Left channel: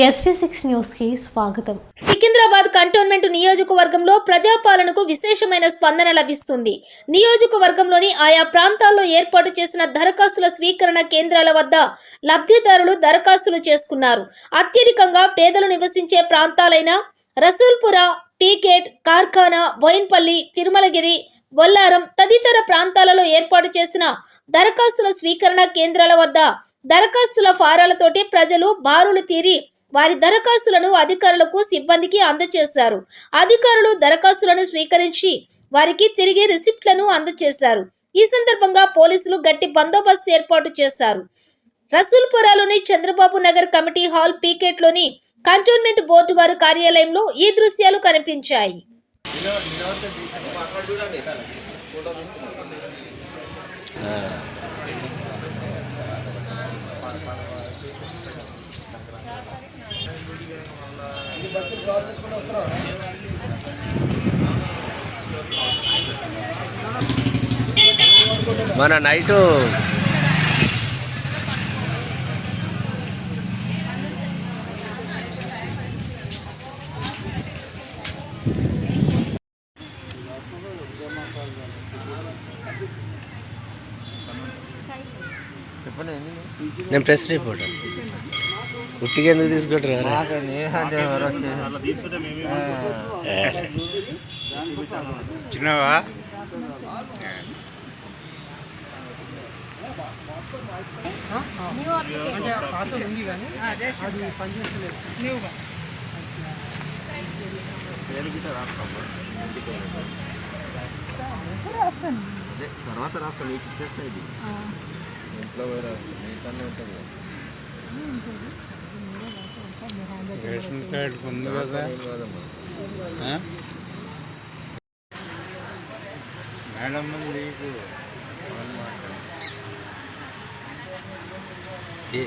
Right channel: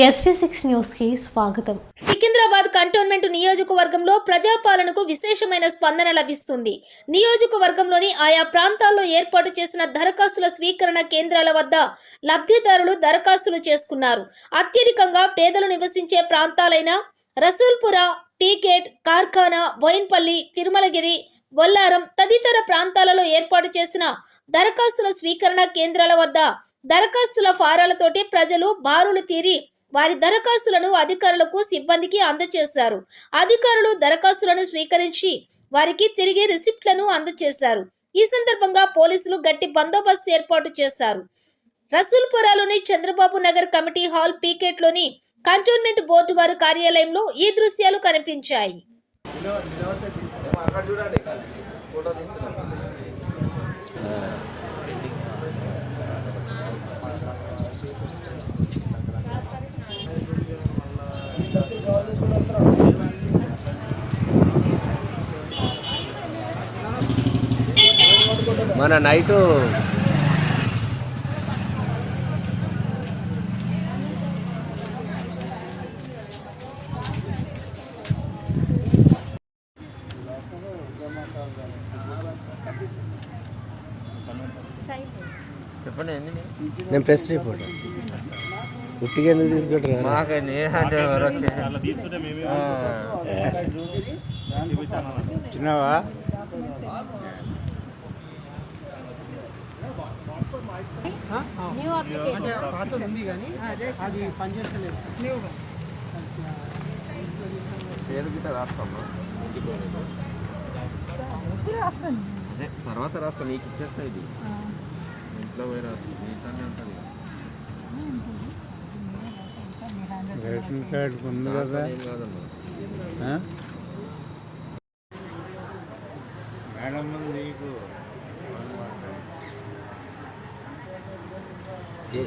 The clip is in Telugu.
SV6 న్యూస్ కి స్వాగతం. సికింద్రాబాద్ కంటోన్మెంట్ నియోజకవర్గంలో ప్రజాపాలనకు విశేషమైన స్పందన లభిస్తుంది. నియోజకవర్గంలోని ఆయా ప్రాంతాల్లో ఏర్పాటు చేసిన దరఖాస్తుల స్వీకరణ కేంద్రాల వద్ద లబ్ధిదారులు దరఖాస్తులు చేసుకున్నారు. అత్యధికంగా పేదలు నివసించే ప్రాంతాలైన రసూల్పుర, టీగేట్, కార్ఖానా, బోయిన్పల్లి, తిరుమలగిరి, బొల్లారం తదితర ప్రాంతాలలో ఏర్పాటు చేసిన దరఖాస్తుల స్వీకరణ కేంద్రాల వద్ద దరఖాస్తుల ఫారాలతోటి ప్రజలు బారులు తీరి వారి దరఖాస్తులను అధికారులకు, సిబ్బందికి అందజేశారు. అధికారులు దరఖాస్తులను స్వీకరించి వారికి తిరిగి రిసిప్ట్లను అందజేశారు. ఈ సందర్భంగా పోలీసులు గట్టి బందోబస్తు ఏర్పాటు చేశారు. రసూల్పురాలోని చంద్రబాబు నగర్ కమిటీ హాల్ పీకెట్లోని కంటోన్మెంట్ బోర్డు వారి కార్యాలయంలో ఈ దృశ్యాలు కనిపించాయి. మన నైటు చెప్పండి. నేను ప్రెస్ రిపోర్టర్. ఉట్టిగా ఎందుకు తీసుకుంటారా? చిన్నవా తర్వాత రాస్తా, నీకు ఇచ్చేస్తా. ఇది ఇంట్లో పోయి రాస్తా, నీతోనే ఉంటుంది. రేషన్ కార్డు ఉంది కదా మేడం. నీకు ఏ